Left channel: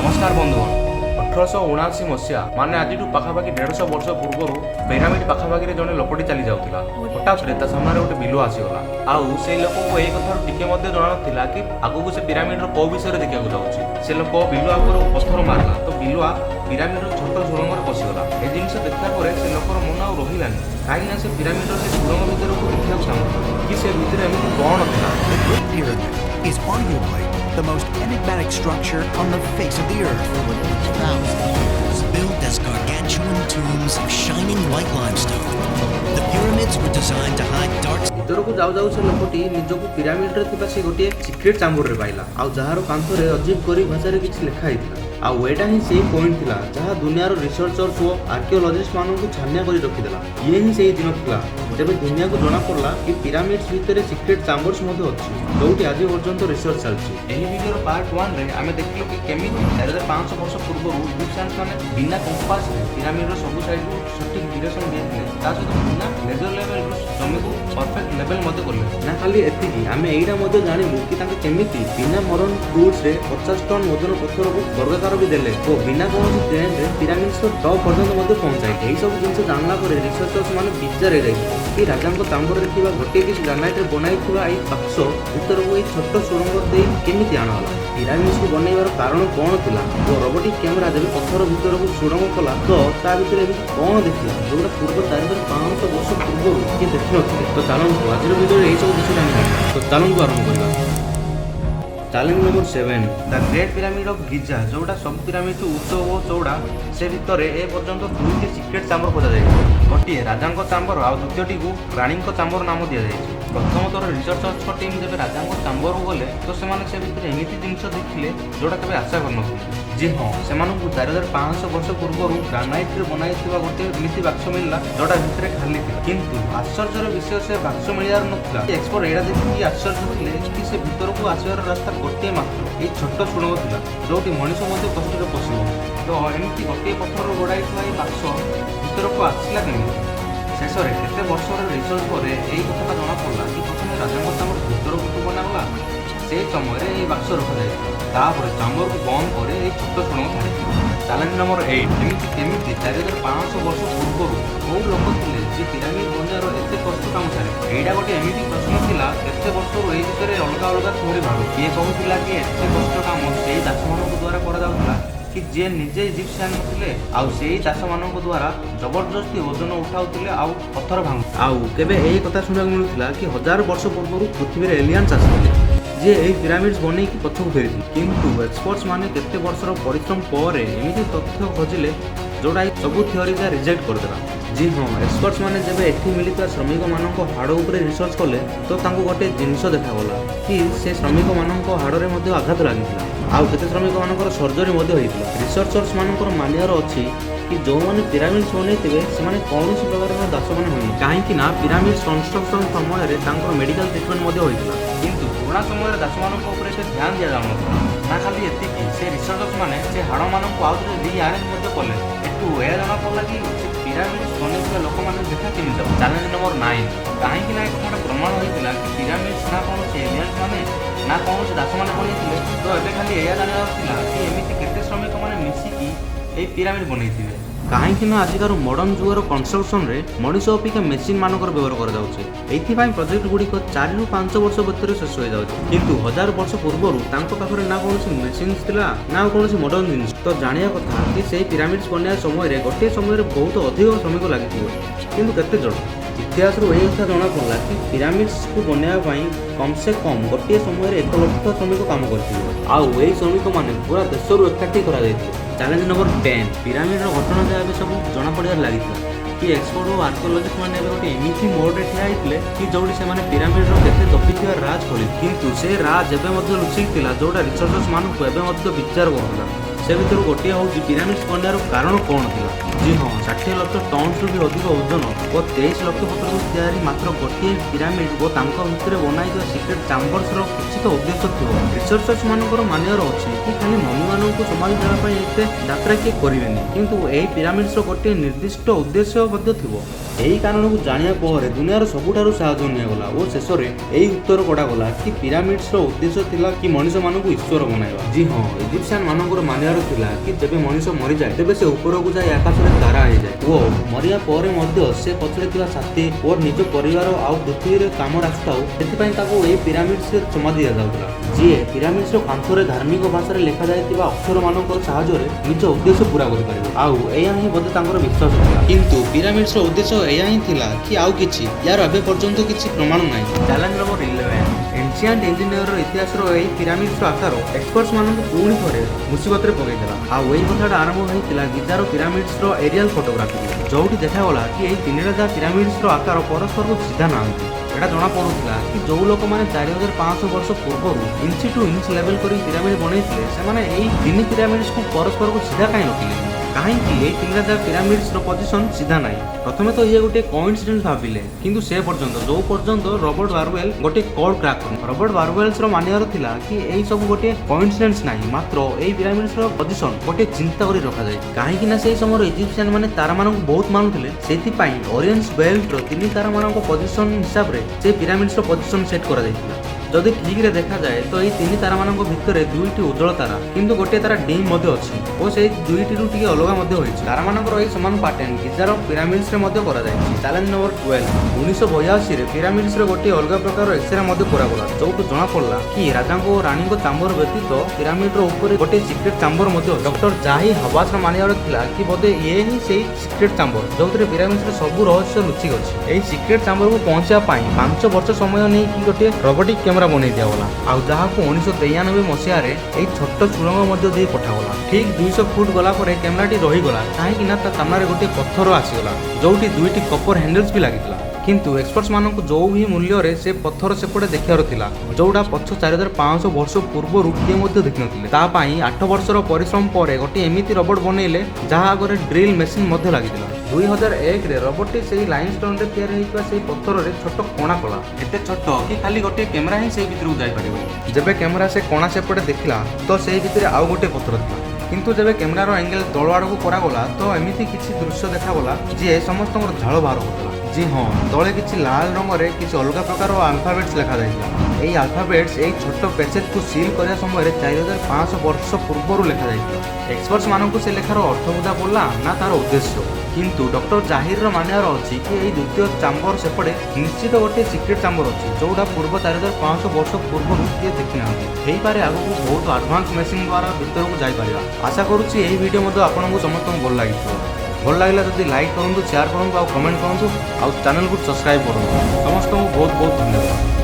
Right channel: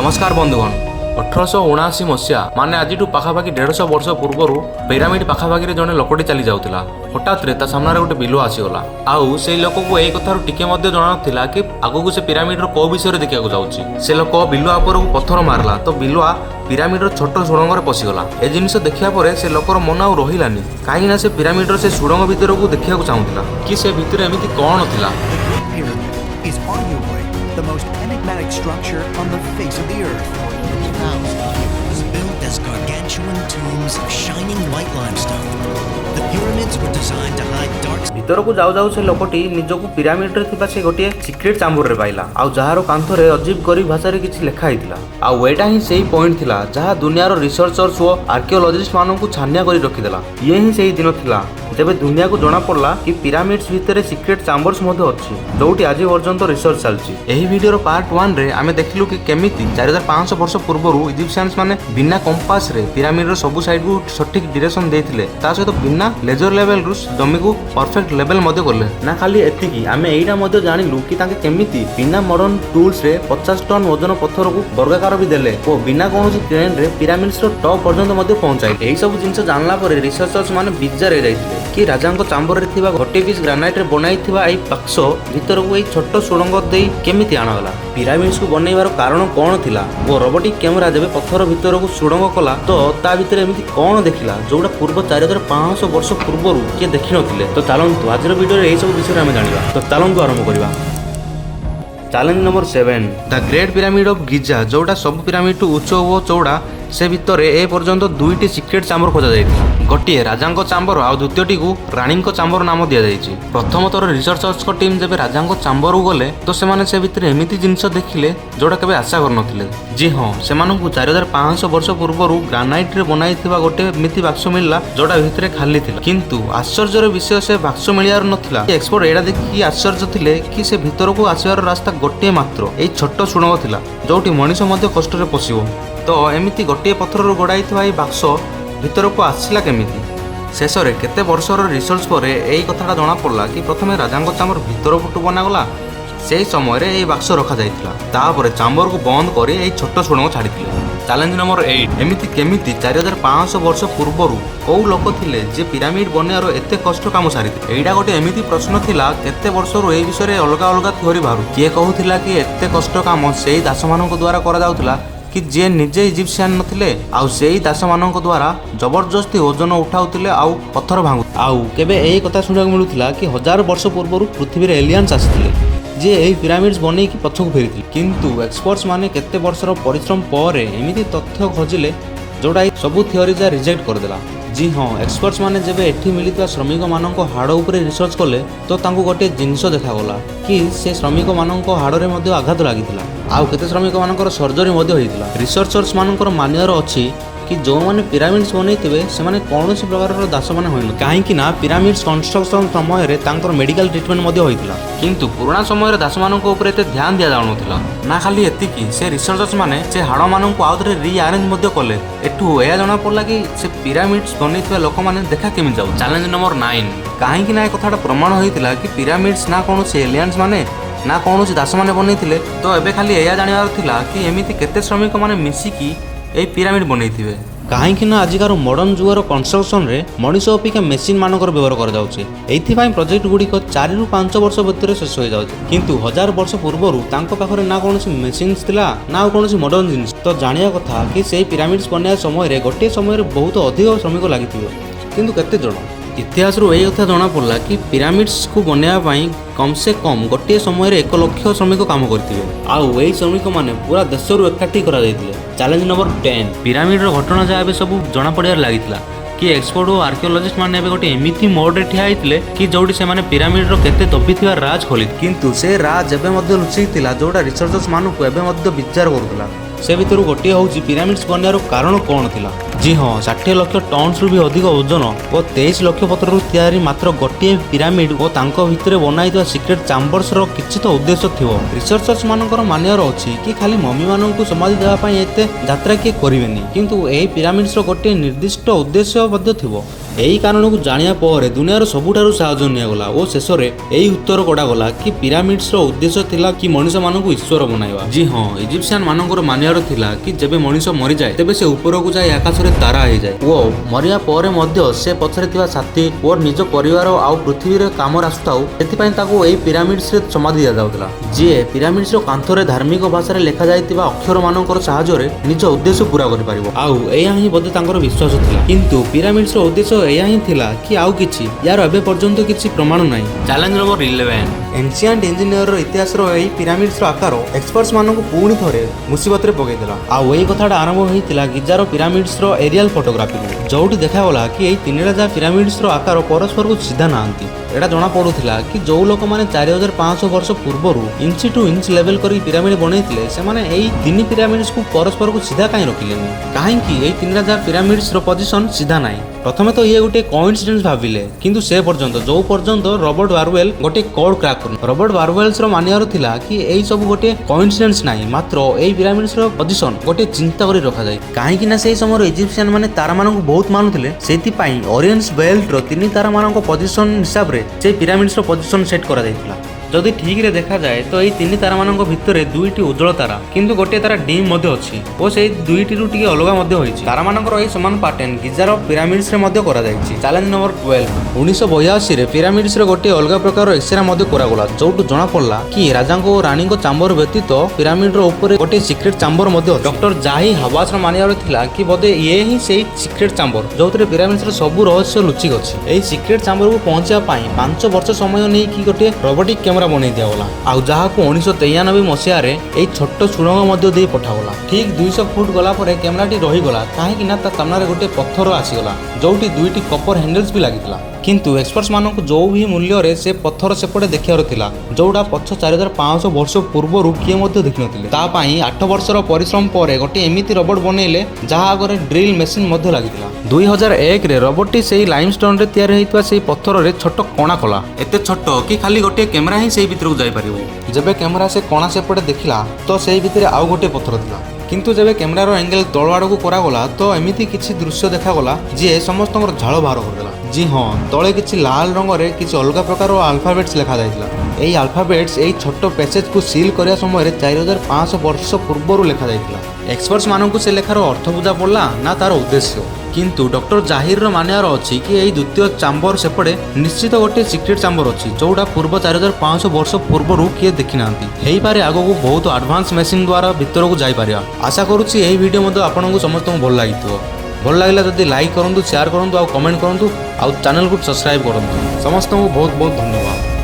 नमस्कार बंधुगण 1879 मसीहा माने आज पाखापाखि 150 वर्ष पूर्व पिरामिड पाखापाखि जड़े लोकटी चली जाऊला। हठात रे ता सामने गोटे बिलुआ आसीगला। आउ से लोक को यही कथार टिके मध्य जणाला कि आगु से पिरामिड को विषय देखा जाऊँगी। से लोक बिलुआ पर पत्थर मारला तो बिलुआ पिरामिड छोट सुड़ंग पशिगला। ए जिनिस देखा पर से लोकर मन आउ रहिलानी कहीं से पिरामिड से सुड़ंग भितर को देखा चाहूला कि से भितर एमती कौन थिला। Is arguably the most enigmatic structure on the face of the earth. 1,000 years, built as gargantuan tombs of shining white limestone. The pyramids were designed to hide dark. भीतर को जाऊ जाऊ से लोकटी निजको पिरामिड रे थिबा से गोटे सीक्रेट चैम्बर रे पाइला। आ जहार कांथ रे अजीब गरीब भाषा रे किछि लिखा हितला। आ एटा ही सेही पॉइंट थिला जहा दुनियार रिसर्चर्स और आर्कियोलॉजिस्ट मानन को छानिया करी रखिदेला। ये ही सेही दिन थिला जेबे दुनिया को जणा पड़ला कि पिरामिड्स भितर सीक्रेट चैम्बर्स मध्ये अछि जोटी आज पर्यंत रिसर्च चलछि। एही वीडियो रो पार्ट 1 रे आमे देखलु कि केमिति 4500 वर्ष पूर्व इजिप्शियंस माने बिना कंपास रे पिरामिड रो सब साइड को सटीक डायरेक्शन देथिले। ता सहित बिना लेजर लेवल रु जमी को परफेक्ट लेवल मध्ये करले। ना खाली एतिकी आमे एइडा मध्ये जानिलु कि ताके केमिति बिना मॉडर्न टूल्स रे 50 टन वजन पत्थर को वर्गाकार भी देले ओ बिना कोनोसी क्रेन रे पिरामिड्स रो टॉप पर्यंत मध्ये पहुंचाई। एही सब जिंस जानला परे रिसर्चर्स माने बिजार रे जाइथिले कि राजांको चांबर रे थिबा गोटे पीस ग्रानाइट रे बनाइथिबा एई बक्स भितर को एई छोट सुरंग देई केमिति आनागला। पिरामिड्स को बनैबार कारण कोन थिला ओ रोबोटिक कैमरा जेबे पत्थर भितर को सुरंग कला तो ता भितर एमिति कोन देखिला जोडा पूर्व 4500 वर्ष पूर्व के देखि नथिले। तो चलंतु आजर वीडियो रे एई सब विषय रे हम जानिबा। तो चलंतु आरंभ करिबा। Challenge number 7 the great pyramid of Giza जोटा सब पिरामिड टू उच्च और चौड़ा से भितर ए पर्यंत दुईटी सीक्रेट चैम्बर खोजा जाइछि। गोटे राजांको चैम्बर आ द्वितीयटी को रानीको चैम्बर नाम दिया जाइछि। प्रथम थर रिसर्चर्स को टीम जेबे राजांको चैम्बर को गले तो सेमाने से भितर एमिति जिंस देखिले जोटा केबे आशा कर नथिले। जी हां सेमानकु 4500 वर्ष पूर्व ग्रानाइट रे बनाइथिबा गोटे एमिति बाक्स मिलला जोटा भितर खाली थिला। किंतु आश्चर्यर विषय से बाक्स मिलियार नथिला। एक्सपर्ट एडा देखि आश्चर्य थिले कि से भितर को आसीबार रास्ता गोटे मात्र ए छोट सुणंग थिला जोटी मनीष मध्ये कष्ट रे पसिबो। तो एमिति गोटे पत्थर गड़ाई थी बाक्स भीतर को आसला केमिति। शेष में केते वर्षर रिसर्च पर यही कथाटा जना पड़ा कि प्रथम राजांको चाम्बर भीतर पुटु बनागला से समय ये बाक्स रखा जाइथिला। तापर चाम्बर को बंद कर यही छोट सुड़ंग छाड़ी। चैलेंज नंबर 8 एमिति केमिति 4500 वर्ष पूर्व कौ लोक थिले जे पिरामिड बनार एते कष्ट काम सारी। एइडा गोटे एमिति प्रश्न थिला केते वर्षर ए विषय अलग अलग थ्योरी बाहरु। किए कहूथिला कि एते कष्ट काम सेही दास मानक द्वारा करा जाउथिला कि जे निजे इजिप्शियन नथिले आउ सेही दास मानक द्वारा जबरदस्ती ओजन उठाउथिले आउ पत्थर भांगु। आउ केबे एही कथा सुनिବାକୁ मिलुथिला कि 1000 वर्ष पूर्व पृथ्वी रे एलियंस आसिथिले जे एही पिरामिड्स बनै कि पछक फेरिथिले। किंतु एक्सपर्ट्स माने केते वर्षर परिश्रम पर एमिति तथ्य खोजिले जोड़ा सबु थ्योरी जा रिजेक्ट कर देला। जी हाँ एक्सपर्ट्स माने जेबे एठी मिलिता श्रमिक मानक हाड़ उपरे रिसर्च कले तो तांको गोटे जिनिस देखागला कि से श्रमिक मानक हाड़ रे मध्ये आघात लागिथिला आउ केते श्रमिक मानकर सर्जरी मध्ये होइतिला। रिसर्चर्स मानकर मानियर अछि कि जो माने पिरामिड्स बनैथिबे से माने कोनोसी प्रकार दास माने होइना काहे कि ना पिरामिड्स कंस्ट्रक्शन समय रे तांकर मेडिकल ट्रीटमेंट मध्ये होइतिला। किंतु पुराना समय रे दास मानक ऊपर एते ध्यान दिया जाउनथिला। ना खाली एतिकी से रिसर्चर्स माने से हाड़ मानक आउथरे रीअरेंज मध्ये कले एठु एया जणा पड़ला कि से पिरामिड्स बनैथिबा लोक माने देखा केमि जाउ। चैलेंज नंबर 9 काहे कि ना ए कथाटा प्रमाण होइतिला कि पिरामिड्स ना कोनोसी एलियंस माने ना कौन दास मैंने बनईले। तो एबे खाली एया जानिबार थिला कि एमिति केते श्रमिक माने मिसिकी ए पिरामिड बनईथिबे। काहेकि ना आजिकार मॉडर्न जुगर कंस्ट्रक्शन रे मनीष अपेक्षा मेसीन मानकर व्यवहार कर जाउछे। एथिपाई प्रोजेक्ट गुड़िक 4 ରୁ 5 वर्ष भितर शेष हो जाउछे। किंतु 1000 वर्ष पूर्व तांको पाखरे ना कोनोसी मेसिन्स थिला ना कोनोसी मॉडर्न जिनिस। तो जानिया कथा कि सेही पिरामिड्स बनाय समय रे गोटे समय रे बहुत अधिक श्रमिक लागिथिबे। किंतु केते जण इतिहास रो एही कथा जणा पड़ला कि पिरामिड्स को बनाया पई कम से कम गोटे समय रे 1 लाख श्रमिक काम करथिबे आउ एही श्रमिक माने पूरा देश रो एकठी करा जायतिले। चैलेंज नंबर 10 पिरामिड रो घटना जा एबे सब जणा पड़ियार लागितिला कि एक्सपर्ट और आर्कियोलॉजिस्ट माने एबे गोटे एमिथि मोड रे ठिया आइतिले कि जोडी से माने पिरामिड रो केते दबिथिबा राज खोली। किंतु से राज एबे मध्ये लुचितिला जोडा रिसर्चर्स मानु को एबे मध्ये विचार करथुला। से भितर गोटे हूँ पिरामिड्स बनार कारण कौन थिला। जी हाँ 60 लाख टन रु भी अधिक ओजन और 23 लाख पत्थर तैयारी मात्र गोटे पिरामिड और तांको भितर बनाई सीक्रेट चैम्बर्स रो किछि तो उद्देश्य थिबो। रिसर्चर्स मानकर मानियर अछि कि खाली मम्मी माननकु समाधि देबा पई एते यात्रा के करिवेनी किंतु एही पिरामिड्स रो गोटे निर्दिष्ट उद्देश्य मध्ये थिबो। ଏହି କାରଣକୁ ଜାଣିବା ପରେ ଦୁନିଆର ସବୁଠାରୁ ସାହାଯ୍ୟ ନିଆଗଲା ଓ ଶେଷରେ ଏହି ଉତ୍ତର କଢାଗଲା କି ପିରାମିଡ୍ସର ଉଦ୍ଦେଶ୍ୟ ଥିଲା କି ମଣିଷମାନଙ୍କୁ ଈଶ୍ୱର ବନାଇବା। ଜି ହଁ, ଇଜିପ୍ସିଆନ ମାନଙ୍କର ମାନିବାର ଥିଲା କି ଯେବେ ମଣିଷ ମରିଯାଏ ତେବେ ସେ ଉପରକୁ ଯାଇ ଆକାଶରେ ତାରା ହେଇଯାଏ ଓ ମରିବା ପରେ ମଧ୍ୟ ସେ ପଛରେ ଥିବା ସାଥୀ ଓ ନିଜ ପରିବାର ଆଉ ପୃଥିବୀରେ କାମରେ ଆସୁଥାଉ, ସେଥିପାଇଁ ତାକୁ ଏହି ପିରାମିଡ୍ସରେ ସମାଧି ଦିଆଯାଉଥିଲା। ଯିଏ ପିରାମିଡ୍ସର କାନ୍ଥରେ ଧାର୍ମିକ ଭାଷାରେ ଲେଖାଯାଇଥିବା ଅକ୍ଷର ମାନଙ୍କର ସାହାଯ୍ୟରେ ନିଜ ଉଦ୍ଦେଶ୍ୟ ପୂରା କରିପାରିବ। ଆଉ ଏହା ହିଁ ବୋଧେ ତାଙ୍କର ବିଶ୍ୱାସ ଥିଲା। କିନ୍ତୁ ପିରାମିଡ୍ସର ଉଦ୍ଦେଶ୍ୟ ଏହା ହିଁ ଥିଲା କି ଆଉ କିଛି? ୟାର ଏବେ ପର୍ଯ୍ୟନ୍ତ କିଛି ପ୍ରମାଣ ନାହିଁ। ଚ୍ୟାଲେଞ୍ଜ ନମ୍ବର 11, ଏନ୍ସିଆଣ୍ଟ ଇଞ୍ଜିନିୟରର ଇତିହାସର ଏହି ପିରାମିଡ୍ସର ଆକାର ଏକ୍ସପର୍ଟସ ମାନଙ୍କୁ ପୁଣି ଥରେ ମୁସିବତରେ ପକାଇଦେଲା। ଆଉ ଏହି କଥାଟା ଆରମ୍ଭ ହୋଇଥିଲା ଗିଜାର ପିରାମିଡ୍ସର ଏରିଆଲ ଫଟୋଗ୍ରାଫିରୁ, ଯୋଉଠି ଦେଖାଗଲା କି ଏହି ତିନିଟା ଯାକ ପିରାମିଡ୍ସର ଆକାର ପରସ୍ପରକୁ ସିଧା ନାହାନ୍ତି। ଏଟା ଜଣାପଡୁଥିଲା କି ଯୋଉ ଲୋକମାନେ 4500 ବର୍ଷ ପୂର୍ବରୁ ଇଞ୍ଚ ଟୁ ଇଞ୍ଚ ଲେଭେଲ କରି ପିରାମିଡ ବନେଇଥିଲେ, ସେମାନେ ଏହି ତିନି ପିରାମିଡ୍ସକୁ ପରସ୍ପରକୁ ସିଧା କାହିଁ ରଖିଲେନି? କାହିଁକି ଏହି ତିନିଟା ଯାକ ପିରାମିଡ୍ସର ପୋଜିସନ ସିଧା ନାହିଁ? ପ୍ରଥମେ ତ ଇଏ ଗୋଟେ କୋଇନ୍ସିଡେନ୍ସ ଭାବିଲେ, କିନ୍ତୁ ସେ ପର୍ଯ୍ୟନ୍ତ ଯୋଉ ପର୍ଯ୍ୟନ୍ତ ରବର୍ଟ ବାରୱେଲ ଗୋଟେ କୋଡ କ୍ରାକ୍ କଲେ। ରବର୍ଟ ବାରୱେଲ୍ସର ମାନିବାର ଥିଲା କି ଏହି ସବୁ ଗୋଟେ କୋଇନ୍ସିଡେନ୍ସ ନାହିଁ, ମାତ୍ର ଏହି ପିରାମିଡ୍ସର ପୋଜିସନ ଗୋଟେ ଚିନ୍ତା କରି ରଖାଯାଏ। କାହିଁକି ନା ସେହି ସମୟରେ ଇଜିପ୍ସିଆନ ମାନେ ତାରାମାନଙ୍କୁ ବହୁତ ମାନୁଥିଲେ, ସେଥିପାଇଁ ଓରିଏନ୍ସ ବେଲ୍ଟର ତିନି ତାରାମାନଙ୍କ ପୋଜିସନ ହିସାବରେ সেই ପିରାମିଡ୍ସର ପୋଜିସନ ସେଟ୍ କରାଯାଇଥିଲା। ଯଦି ଠିକରେ ଦେଖାଯାଏ ତ ଏହି ତିନି ତାରାମାନଙ୍କ ଭିତରେ ଦୁଇଟି ଉଜ୍ଜଳ ତାରା, କିନ୍ତୁ ଗୋଟିଏ ତାରା ଡିମ୍ ମଧ୍ୟ ଅଛି ଓ ସେହି ଦୁଇଟିରୁ ଟିକେ ଅଲଗା ମଧ୍ୟ ହୋଇଛି। ତାରାମାନଙ୍କର ଏହି ସମାନ ପାଟର୍ନ ଗିଜାର ପିରାମିଡ୍ସରେ ମଧ୍ୟ କରାଯାଇଛି। ଚ୍ୟାଲେଞ୍ଜ ନମ୍ବର 12, 1982ରେ ପିରାମିଡ୍ସରେ ଗୋଟିଏ ଅଲଗା ପ୍ରକାର ଏକ୍ସରେ ମଧ୍ୟ କରାଗଲା, ଯୋଉଠୁ ଜଣାପଡ଼ିଲା କି ରାଜାଙ୍କ ଓ ରାଣୀଙ୍କ ଚାମ୍ବର ବ୍ୟତୀତ ପିରାମିଡର ଉପରେ ଗୋଟିଏ ସିକ୍ରେଟ ଚାମ୍ବର ମଧ୍ୟ ଅଛି। ଡକ୍ଟର ଜାହି ହାୱାସର ମାନିବାର ଥିଲା କି ବୋଧେ ଇଏ ହିଁ ସେହି ସିକ୍ରେଟ ଚାମ୍ବର ଯୋଉଥିରେ ପିରାମିଡ୍ସର ସବୁ ରହସ୍ୟ ଲୁଚିକି ଅଛି। ଏହି ସିକ୍ରେଟ ଚାମ୍ବରକୁ ପହଞ୍ଚିବା ପାଇଁ 5 ବର୍ଷ ସମୟ ନେଇକି ଗୋଟିଏ ରୋବୋଟିକ କ୍ୟାମେରା ବନେଇ ଦିଆଗଲା, ଆଉ ଯାହାକୁ 1993 ମସିହାରେ ଏହି ଛୋଟ ସୁଡ଼ଙ୍ଗ ମଧ୍ୟ ଦେଇ ପଠାଗଲା। ଠିକ 200 ଫୁଟ ଗଲା ପରେ କ୍ୟାମେରାଟି ରହିଗଲା, କାହିଁକି ନା ତା ସାମ୍ନାରେ ଗୋଟିଏ ପଥର ଆସିଗଲା, ଯୋଉଠି ଦୁଇଟି କପର ହ୍ୟାଣ୍ଡେଲ୍ସ ବି ଲାଗିଥିଲା। କିନ୍ତୁ ଏକ୍ସପର୍ଟସ ମାନଙ୍କୁ ଯୋଉ ବି ମୂଲ୍ୟରେ ସେ ପଥର ସେପଟେ ଦେଖିବାର ଥିଲା, ଯୋଉଟା ପଛ 4500 ବର୍ଷ ପୂର୍ବରୁ କିଏ ମଧ୍ୟ ଦେଖିନଥିଲେ। ତା ପାଇଁ 8 ବର୍ଷର ପରିଶ୍ରମ ପରେ ଗୋଟିଏ ଏମିତି ରୋବଟ ବନେଇଲେ ଯାହା ଆଗରେ ଡ୍ରିଲ୍ ମେସିନ୍ ମଧ୍ୟ ଲାଗିଥିଲା। 2001ରେ ରୋବଟଟି ସେହି ଲାଇମଷ୍ଟୋନରେ ତିଆରି ହୋଇଥିବା ସେହି ପଥରରେ ଛୋଟ କଣା କଲା, ଏତେ ଛୋଟ କି ଖାଲି ଗୋଟିଏ କ୍ୟାମେରା ହିଁ ସେହି ଭିତରକୁ ଯାଇପାରିବ। ଯେବେ କ୍ୟାମେରା ସେ କଣା ସେପଟେ ଦେଖିଲା ତ ସେହି ଭିତରେ ଆଉ ଗୋଟିଏ ପଥର ଥିଲା। କିନ୍ତୁ ଯେବେ କ୍ୟାମେରାର ଏଙ୍ଗେଲ ତଳ ଆଡ଼କୁ କରାଗଲା ତ ଏମିତି କିଛି ଦୃଶ୍ୟ ଦେଖାଗଲା ଯିଏ ସମସ୍ତଙ୍କର ଝାଳ ବାହାର କରିଦେଲା। ଜି ହଁ, ତଳେ କିଛି ଲାଲ ରଙ୍ଗରେ କିଛି ଅଲଗା ପ୍ରକାର ଆଲଫାବେଟ୍ସ ଲେଖାଯାଇଥିଲା। ଏହି ଆଲଫାବେଟ୍ସ ଏହି ଛୋଟ ପ୍ୟାସେଜକୁ ସିଲ୍ କରିବା ସମୟରେ 4500 ବର୍ଷ ପୂର୍ବରୁ ଲେଖାଯାଇଥିଲା। ଏକ୍ସପର୍ଟସ ମାନଙ୍କୁ ସେ ଲେଖାର ଅର୍ଥ ବୁଝା ପଡ଼ିଲା ନା ତାର ଉଦ୍ଦେଶ୍ୟ। କିନ୍ତୁ ଡକ୍ଟର ଜାହିରର ମାନିବାର ଅଛି କି ଏହି ଦ୍ୱିତୀୟ ଚାମ୍ବର ସେପଟେ ନିଶ୍ଚିତ ଗୋଟିଏ ସିକ୍ରେଟ ଚାମ୍ବର ଅଛି, ଯୋଉଟା ପୂର୍ବ 4500 ବର୍ଷ ପୂର୍ବରୁ କିଏ ଦେଖିନାହାନ୍ତି। ହେଇପାରେ ଆଗକୁ ବହୁତ ଆଡଭାନ୍ସ ମେସିନ୍ ଦ୍ୱାରା ଭିତରକୁ ଯାଇପାରିବା। ଆଶା କରୁଛି ଏହି ଭିଡ଼ିଓ ମଧ୍ୟ ଆପଣଙ୍କୁ ସମସ୍ତଙ୍କୁ ଭଲ ଲାଗିଥିବ। ଭଲ ଲାଗିଲା ଯଦି ଲାଇକ୍ କରନ୍ତୁ, ସେୟାର କରନ୍ତୁ ଆଉ କମେଣ୍ଟ କରନ୍ତୁ, ଆଉ ଚ୍ୟାନେଲକୁ ସବସ୍କ୍ରାଇବ୍ କରନ୍ତୁ। ସମସ୍ତଙ୍କୁ ବହୁତ ବହୁତ ଧନ୍ୟବାଦ।